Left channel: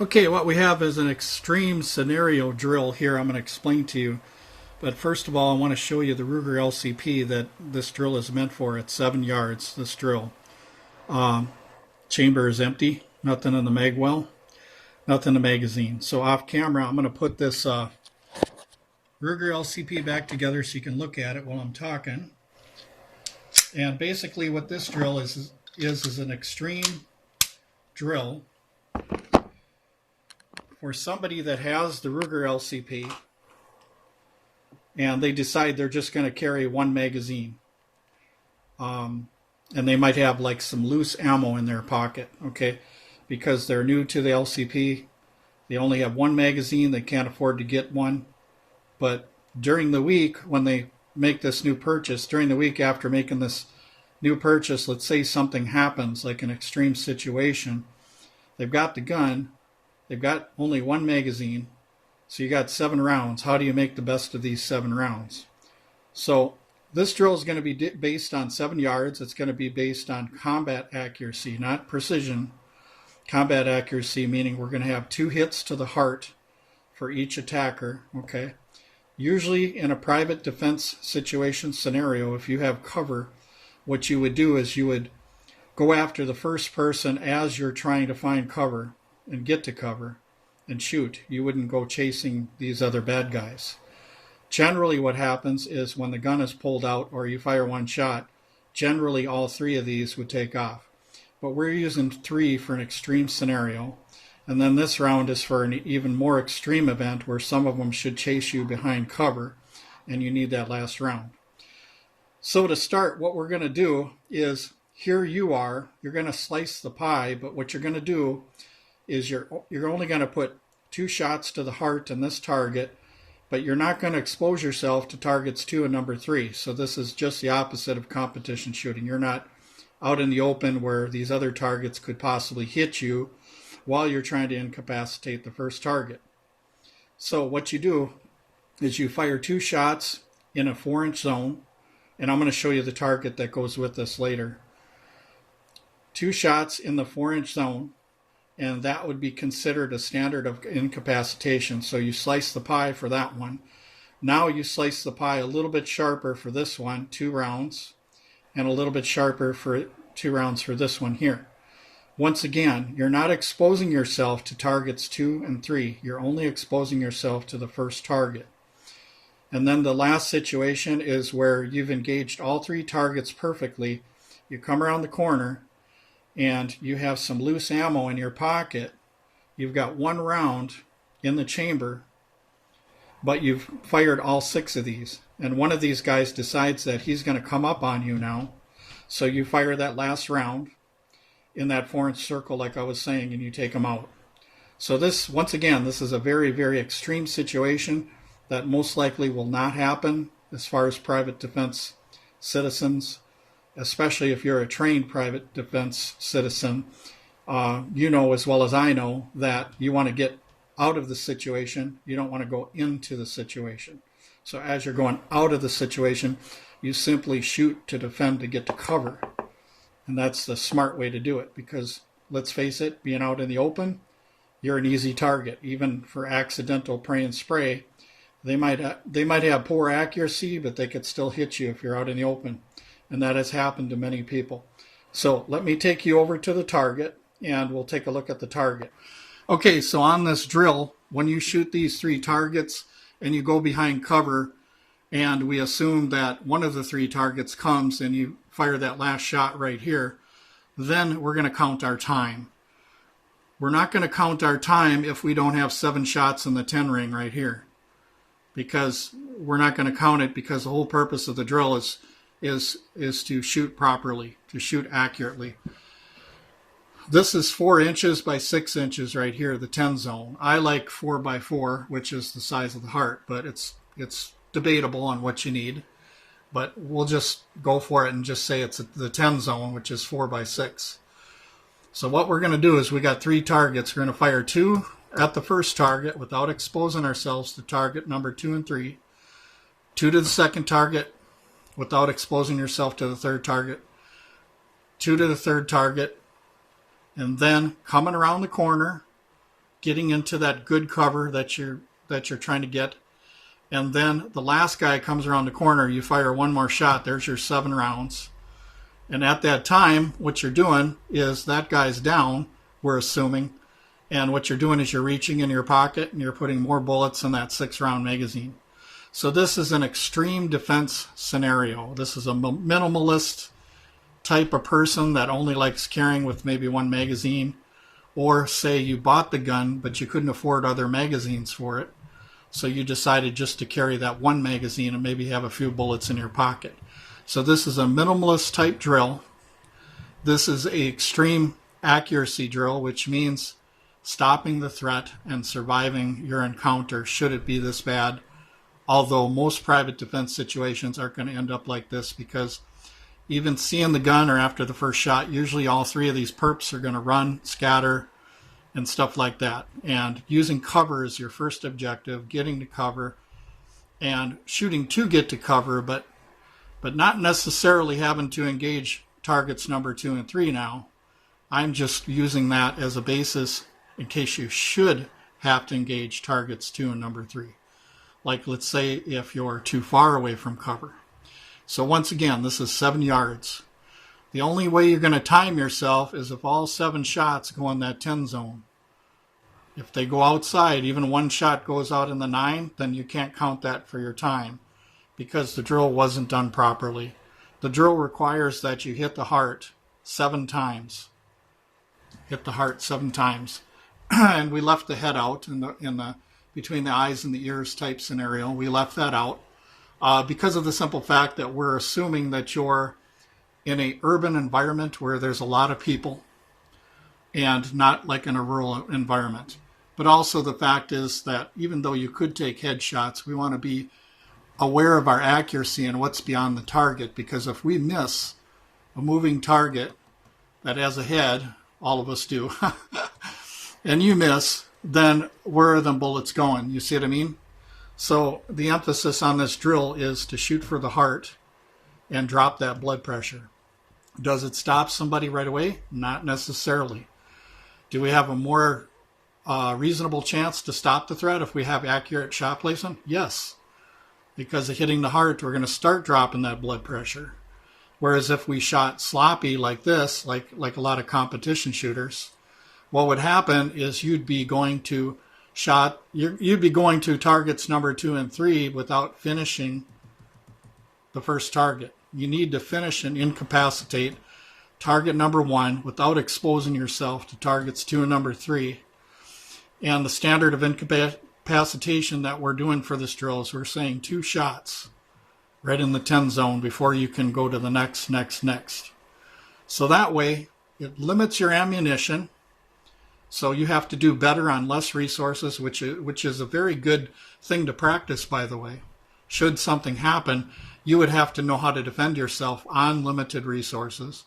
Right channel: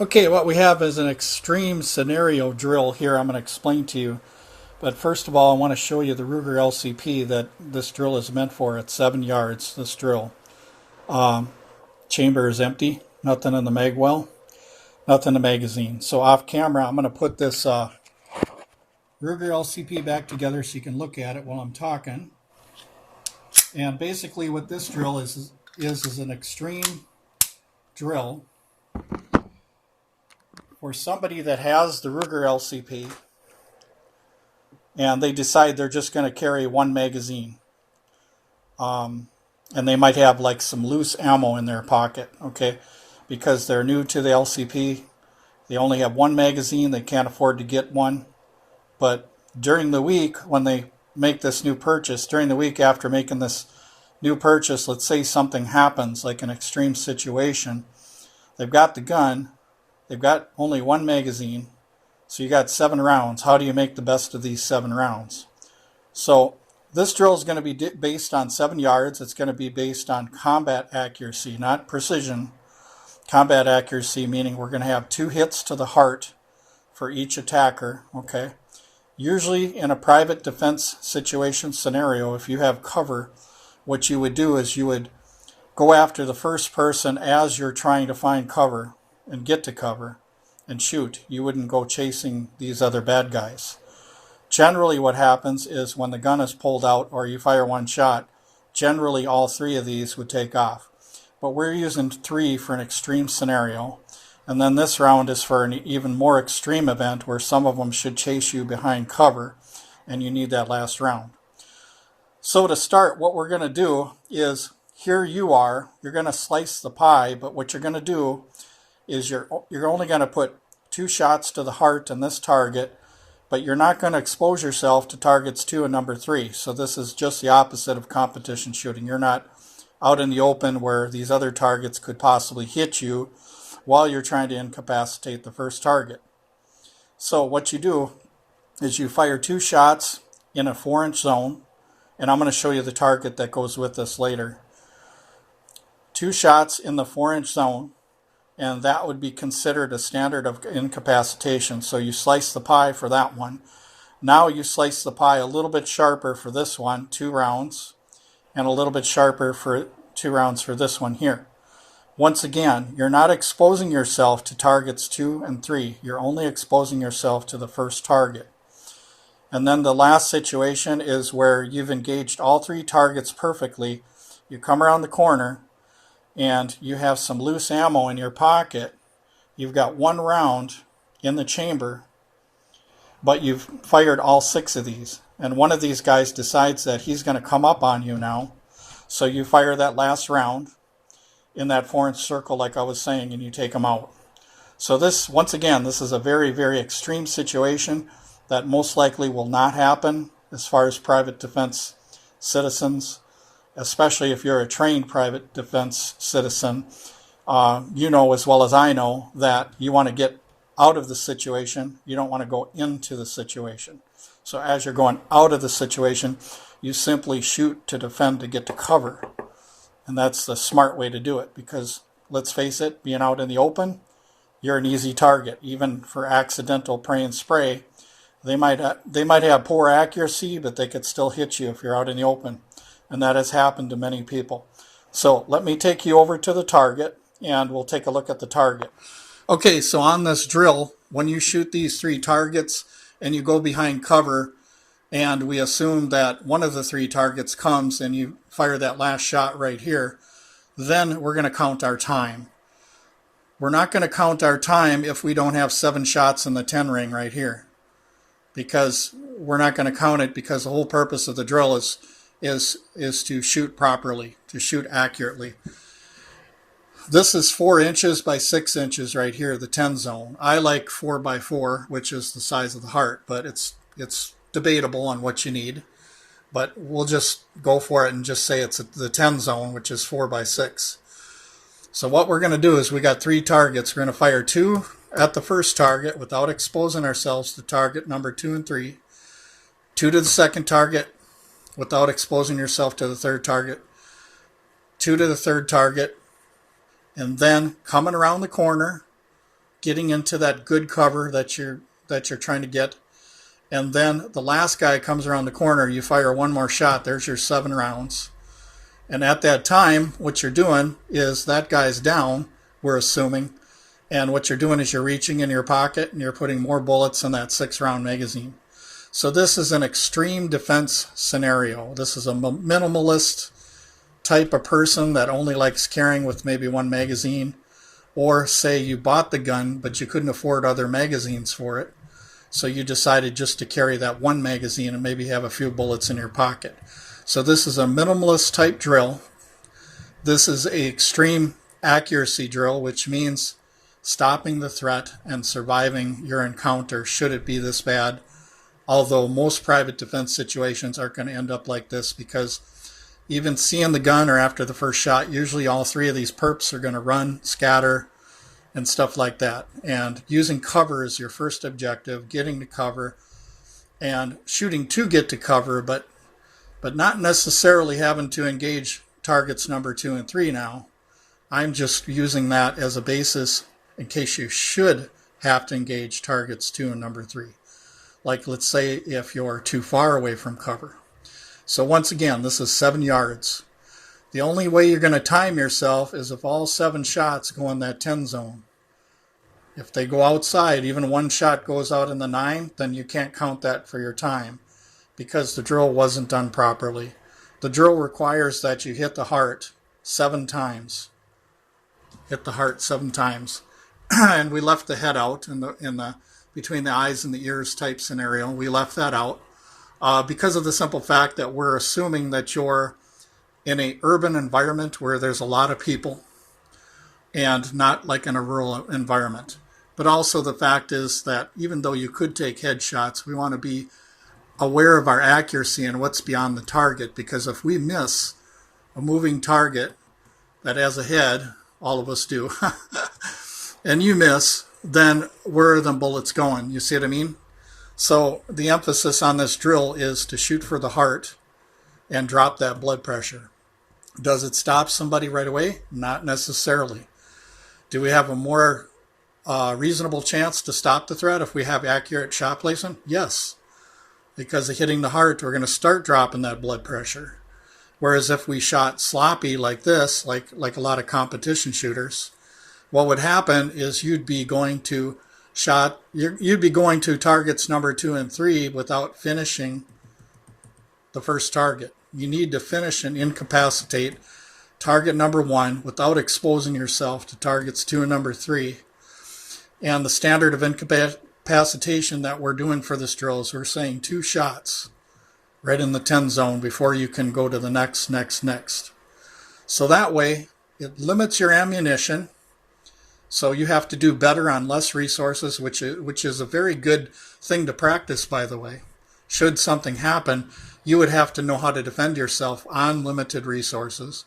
Okay, what we have is an extreme scenario drill here I'm going to explain to you. But first of all, I want to show you the Ruger LCP that this drill is meant for at 7 yards, this drill. Chamber is empty, nothing in the mag well, nothing in the magazine. So off camera, I'm going to put this Ruger LCP back together so you can look at it while I'm talking. And basically what this drill is an extreme drill for somebody that has the Ruger LCP and they decide they're just going to carry one magazine. And they might have like some loose ammo in their pocket, okay? Because they're new to the LCP, they only have one magazine, they can't afford to get one. But during the week, when they make this new purchase, during the week after making this new purchase, let's say something happens, like an extreme situation, they've got the gun, they've got only one magazine, so you got 7 rounds. How do you make the best of these 7 rounds? So this drill is going to be based on 7 yards. It's going to be based on combat accuracy, not precision. Combat accuracy, meaning we're going to have 2 hits to the heart for each attacker, okay? Usually in a private defense situation scenario, if you have cover, what you would do is you would go after the first person as you're trying to find cover and get to cover and shoot. You wouldn't go chasing these other bad guys. Generally what happens is when the gun is pulled out or you fire one shot, generally all 3 of these would take off. But we're using 3 for an extreme scenario. And then this round is for an even more extreme event where some of them should chase you behind cover and you need that last round. So to start, what we're going to do is, here you are, you're going to slice the pie, but what you're going to do is you're only going to put 2 shots to the heart in this target, but you're not going to expose yourself to targets 2 and number 3. So this is just the opposite of competition shooting. You're not out in the open where these other targets could possibly hit you while you're trying to incapacitate the first target. So what you do is you fire 2 shots in a 4-inch zone, and I'm going to show you the target that goes with this later. 2 shots in the 4-inch zone, and that would be considered a standard of incapacitation. So you slice the pie for that one. Now you slice the pie a little bit sharper for this one, 2 rounds, and a little bit sharper for 2 rounds for this one here. Once again, you're not exposing yourself to targets 2 and 3. You're only exposing yourself to the first target. And then the last situation is where you've engaged all 3 targets perfectly. You come around the corner and you have some loose ammo in your pocket. You've got 1 round in the chamber, but you've fired all 6 of these. And one of these guys decides that he's going to come up on you now. So you fire that last round in that 4-inch circle like I was saying, and you take him out. So this, once again, this is a very, very extreme situation that most likely will not happen as far as private defense citizens, especially if you're a trained private defense citizen. You know as well as I know that you want to get out of the situation. You don't want to go into the situation. So as you're going out of the situation, you simply shoot to defend to get to cover. And that's the smart way to do it, because let's face it, being out in the open, you're an easy target. Even for accidental pray and spray, they might have poor accuracy, but they could still hit you if you're out in the open. And that has happened to many people. So let me take you over to the target and we'll take a look at the target. Okay, so on this drill, when you shoot these 3 targets and you go behind cover, and we assume that one of the 3 targets comes and you fire that last shot right here, then we're going to count our time. We're not going to count our time if we don't have 7 shots in the 10 ring right here, because we're not going to count it, because the whole purpose of the drill is to shoot properly, to shoot accurately. This is 4 inches by 6 inches right here, the 10 zone. I like 4 by 4, which is the size of the heart, but it's debatable on what you need. But we'll just go for it and just say it's the 10 zone, which is 4 by 6. So what we're going to do is we got 3 targets. We're going to fire 2 at the first target without exposing ourselves to target number 2 and 3. 2 to the second target without exposing yourself to the third target. 2 to the third target. And then coming around the corner, getting into that good cover that you're trying to get. And then the last guy comes around the corner, you fire one more shot, there's your 7 rounds. And at that time, what you're doing is that guy's down, we're assuming, and what you're doing is you're reaching in your pocket and you're putting more bullets in that 6-round magazine. So this is an extreme defense scenario. This is a minimalist type of person that only likes carrying with maybe 1 magazine. Or say you bought the gun, but you couldn't afford other magazines for it. So you decided just to carry that 1 magazine and maybe have a few bullets in your pocket. So this is a minimalist type drill. This is an extreme accuracy drill, which means stopping the threat and surviving your encounter should it be this bad. Although most private defense situations aren't going to end up like this, because even seeing the gun or after the first shot, usually all 3 of these perps are going to run, scatter, and stuff like that. And using cover is your first objective, getting to cover and shooting to get to cover, but not necessarily having to engage targets number 2 and 3 now. I'm just using that as a basis in case you should have to engage targets 2 and number 3. Like, let's say if you're too far away from cover. So once again, this is 7 yards. The only way you're going to time yourself is if all 7 shots go in that 10 zone. If they go outside, even 1 shot goes out in the 9, then you can't count that for your time because the drill wasn't done properly. The drill requires that you hit the heart 7 times. Hit the heart 7 times. And we left the head out in the between the eyes and the ears type scenario. We left that out because of the simple fact that we're assuming that you're in an urban environment where there's a lot of people and not like in a rural environment. But also the fact is that even though you could take headshots, we want to be aware of our accuracy and what's beyond the target, because if we miss a moving target that has a head, all of us do, and you miss, then where are the bullets going? You see what I mean? So the emphasis on this drill is to shoot for the heart and drop that blood pressure. Does it stop somebody right away? Not necessarily. Do we have a more reasonable chance to stop the threat if we have accurate shot placement? Yes. Because of hitting the heart, we're going to start dropping that blood pressure. Whereas if we shot sloppy like this, like a lot of competition shooters, what would happen is you'd be going to targets number 2 and 3 without finishing the first target. You need to finish and incapacitate target number 1 without exposing yourself to targets 2 and number 3. And the standard of incapacitation that we're doing for this drill is we're saying 2 shots right in the 10 zone before you can go to the next. So that way it limits your ammunition. So you have to do better on less resources, which is a very good thing to practice, by the way. Should something happen, you would have to know how to defend yourself on limited resources.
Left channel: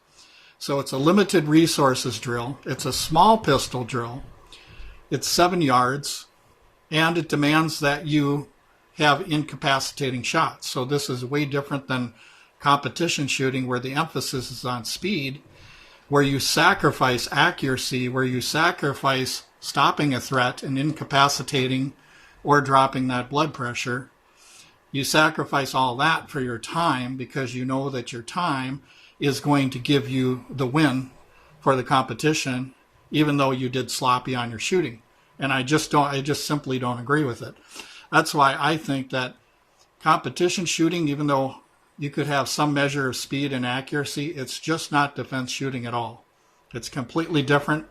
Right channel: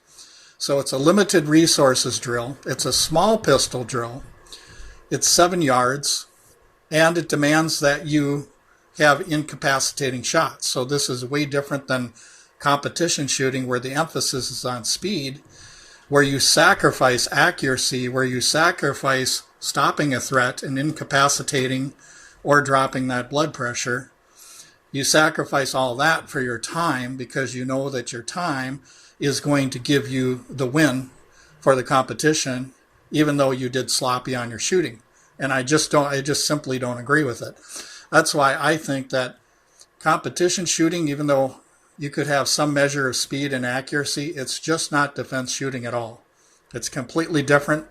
So it's a limited resources drill. It's a small pistol drill. It's 7 yards, and it demands that you have incapacitating shots. So this is way different than competition shooting, where the emphasis is on speed, where you sacrifice accuracy, where you sacrifice stopping a threat and incapacitating or dropping that blood pressure. You sacrifice all that for your time because you know that your time is going to give you the win for the competition, even though you did sloppy on your shooting. And I just simply don't agree with it. That's why I think that competition shooting, even though you could have some measure of speed and accuracy, it's just not defense shooting at all. It's completely different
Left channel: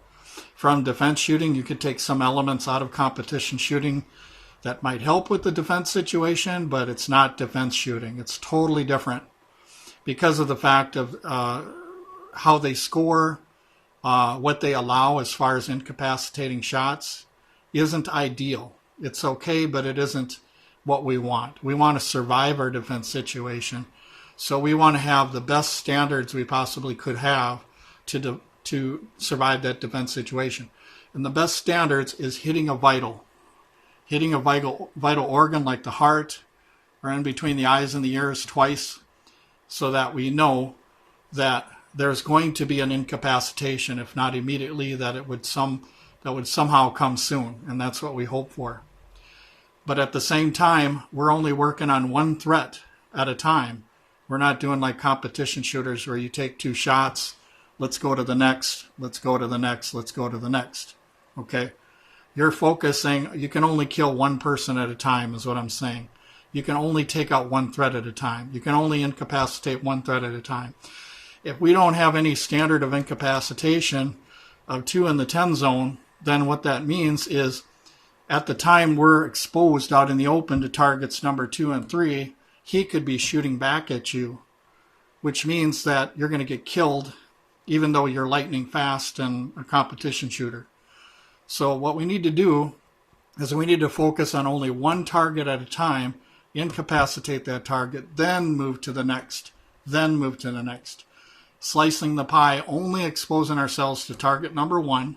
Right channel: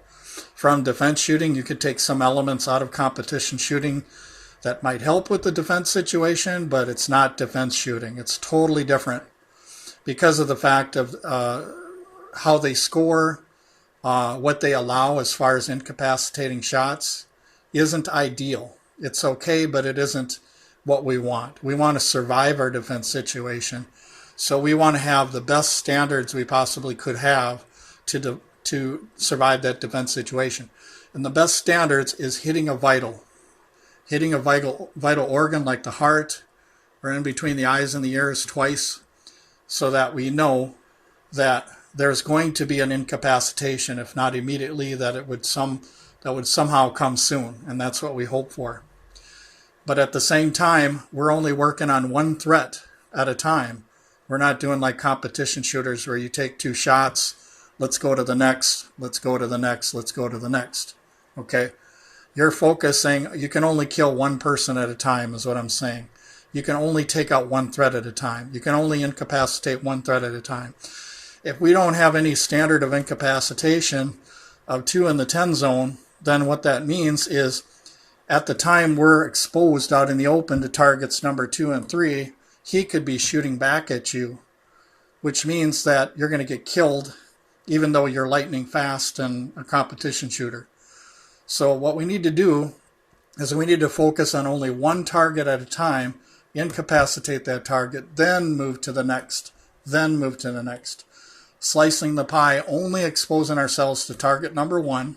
from defense shooting. You could take some elements out of competition shooting that might help with the defense situation, but it's not defense shooting. It's totally different because of the fact of how they score, what they allow as far as incapacitating shots isn't ideal. It's okay, but it isn't what we want. We want to survive our defense situation. So we want to have the best standards we possibly could have to survive that defense situation. And the best standards is hitting a vital organ like the heart or in between the eyes and the ears twice, so that we know that there's going to be an incapacitation, if not immediately, that it would some that would somehow come soon, and that's what we hope for. But at the same time, we're only working on one threat at a time. We're not doing like competition shooters where you take 2 shots, let's go to the next, let's go to the next, let's go to the next. Okay? You're focusing, you can only kill one person at a time is what I'm saying. You can only take out one threat at a time. You can only incapacitate one threat at a time. If we don't have any standard of incapacitation of 2 in the 10 zone, then what that means is at the time we're exposed out in the open to targets number 2 and 3, he could be shooting back at you, which means that you're going to get killed even though you're lightning fast and a competition shooter. So what we need to do is we need to focus on only one target at a time, incapacitate that target, then move to the next, then move to the next. Slicing the pie, only exposing ourselves to target number 1,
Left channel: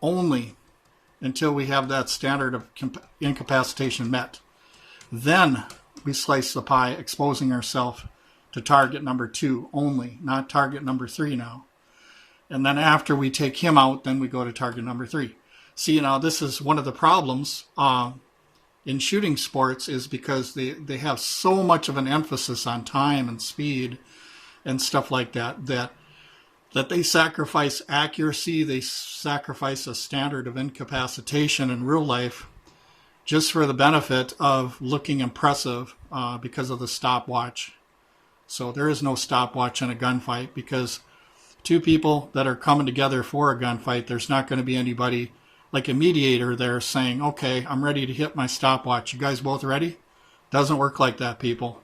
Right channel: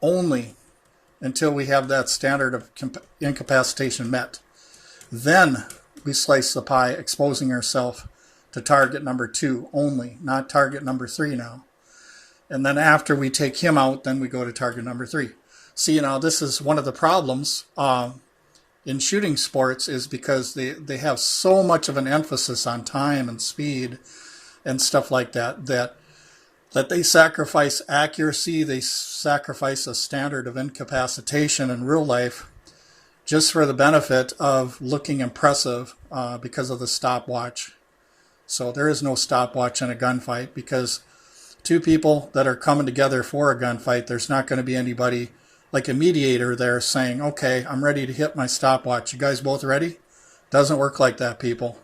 only until we have that standard of incapacitation met. Then we slice the pie, exposing ourselves to target number 2 only, not target number 3 now. And then after we take him out, then we go to target number 3. See, now this is one of the problems in shooting sports is because they have so much of an emphasis on time and speed and stuff like that, that they sacrifice accuracy, they sacrifice a standard of incapacitation in real life just for the benefit of looking impressive because of the stopwatch. So there is no stopwatch in a gunfight because 2 people that are coming together for a gunfight, there's not going to be anybody like a mediator there saying, okay, I'm ready to hit my stopwatch. You guys both ready? Doesn't work like that, people.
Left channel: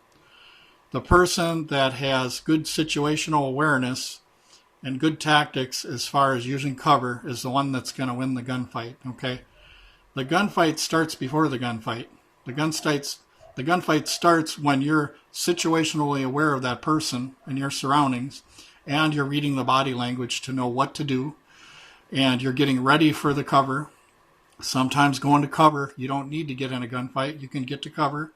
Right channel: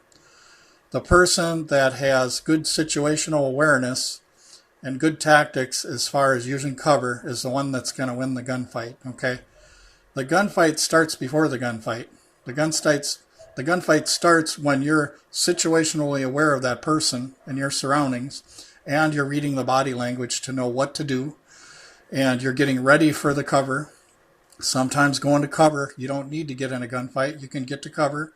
The person that has good situational awareness and good tactics as far as using cover is the one that's going to win the gunfight, okay? The gunfight starts before the gunfight. The gunfight starts when you're situationally aware of that person and your surroundings, and you're reading the body language to know what to do, and you're getting ready for the cover. Sometimes going to cover, you don't need to get in a gunfight. You can get to cover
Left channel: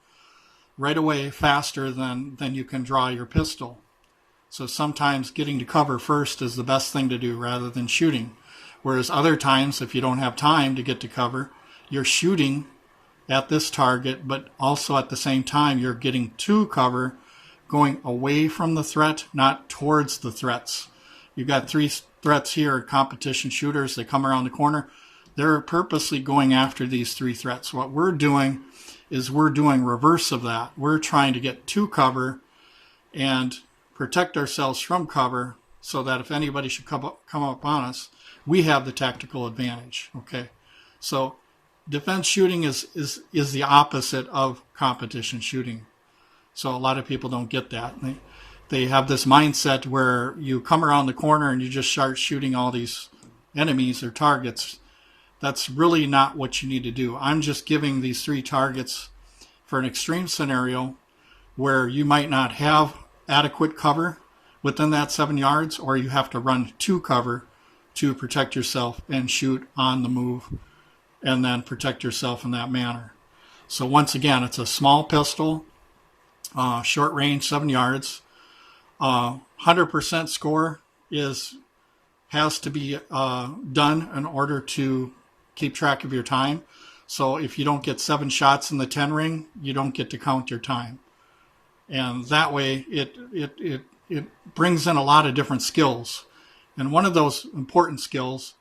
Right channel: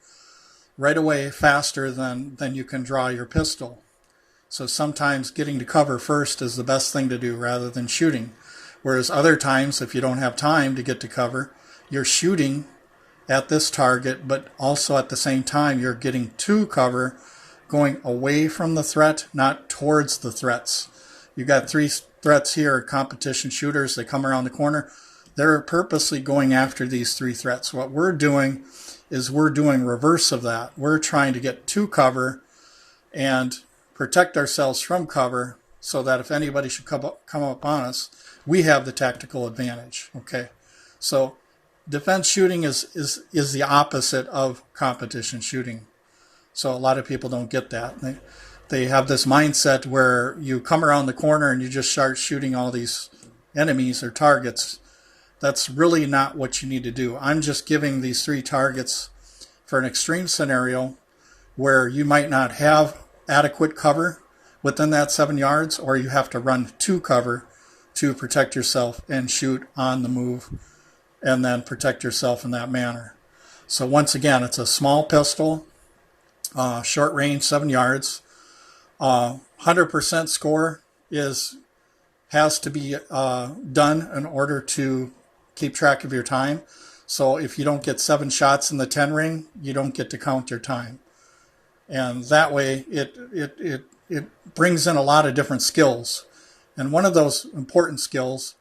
right away faster than you can draw your pistol. So sometimes getting to cover first is the best thing to do rather than shooting. Whereas other times, if you don't have time to get to cover, you're shooting at this target, but also at the same time, you're getting to cover, going away from the threat, not towards the threats. You got 3 threats here, competition shooters, they come around the corner. They're purposely going after these 3 threats. What we're doing is we're doing reverse of that. We're trying to get to cover and protect ourselves from cover so that if anybody should come up on us, we have the tactical advantage. Okay, so defense shooting is the opposite of competition shooting. So a lot of people don't get that. They have this mindset where you come around the corner and you just start shooting all these enemies or targets. That's really not what you need to do. I'm just giving these 3 targets for an extreme scenario where you might not have adequate cover within that 7 yards, or you have to run to cover to protect yourself and shoot on the move and then protect yourself in that manner. So once again, it's a small pistol, short range, 7 yards. 100% score has to be done in order to keep track of your time. So if you don't get 7 shots in the 10 ring, you don't get to count your time. And that way it brings in a lot of different skills. And one of those important skills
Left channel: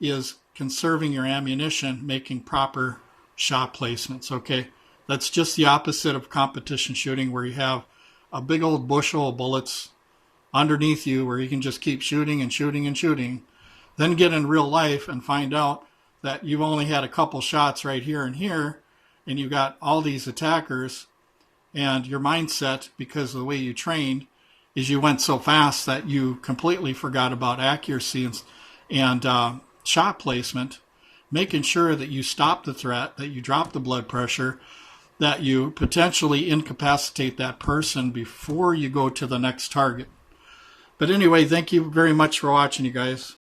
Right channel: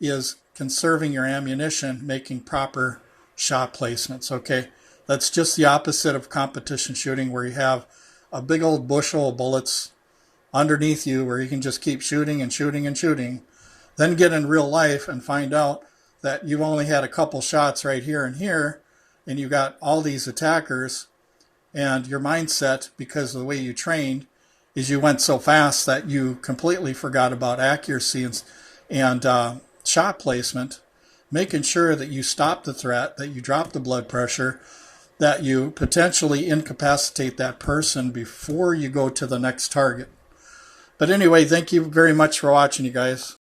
is conserving your ammunition, making proper shot placements, okay? That's just the opposite of competition shooting, where you have a big old bushel of bullets underneath you where you can just keep shooting and shooting and shooting. Then get in real life and find out that you've only had a couple shots right here and here, and you got all these attackers, and your mindset, because of the way you trained, is you went so fast that you completely forgot about accuracy and shot placement, making sure that you stop the threat, that you drop the blood pressure, that you potentially incapacitate that person before you go to the next target. But anyway, thank you very much for watching, you guys.